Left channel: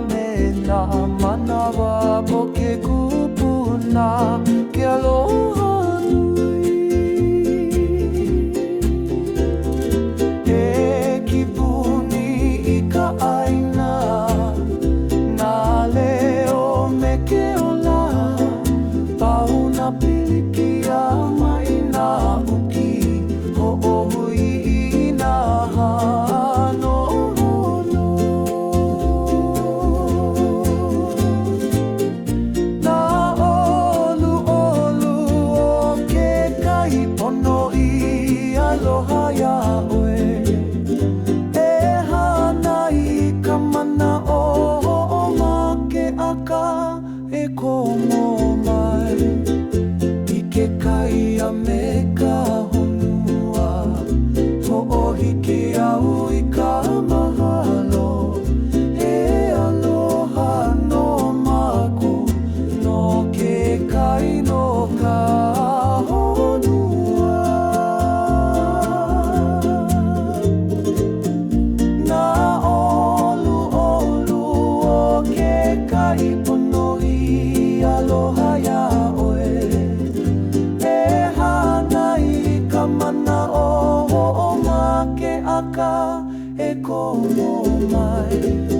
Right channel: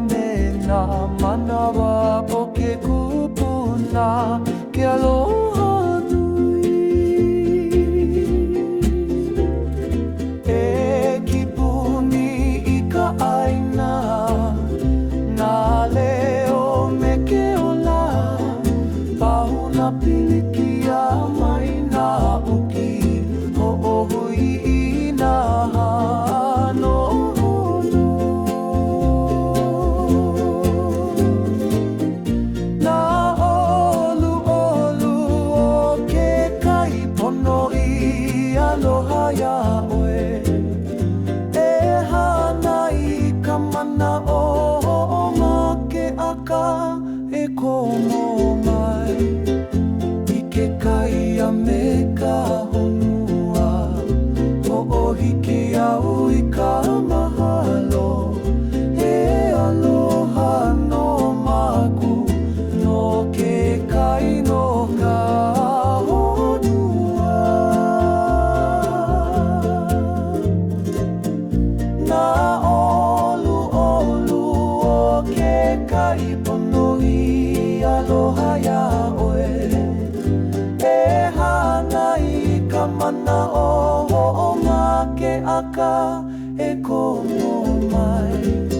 me nā manawa o ke kupuna, ke aloha nui. E kipuni i ka ʻaina, nā leo me ke ola, pahuna pilikia mai nā uki, hoʻohui i nā hano. Pono i aloha iaʻoe, e hana i ka mana o hoʻomake aka e komo mai. I ke kai a me ka honua, hoʻohiki au i ka mahalo, e aloha no maku no ke kai no ka pono i aloha iaʻoe, e hana i ka mana o hoʻomake aka e komo mai.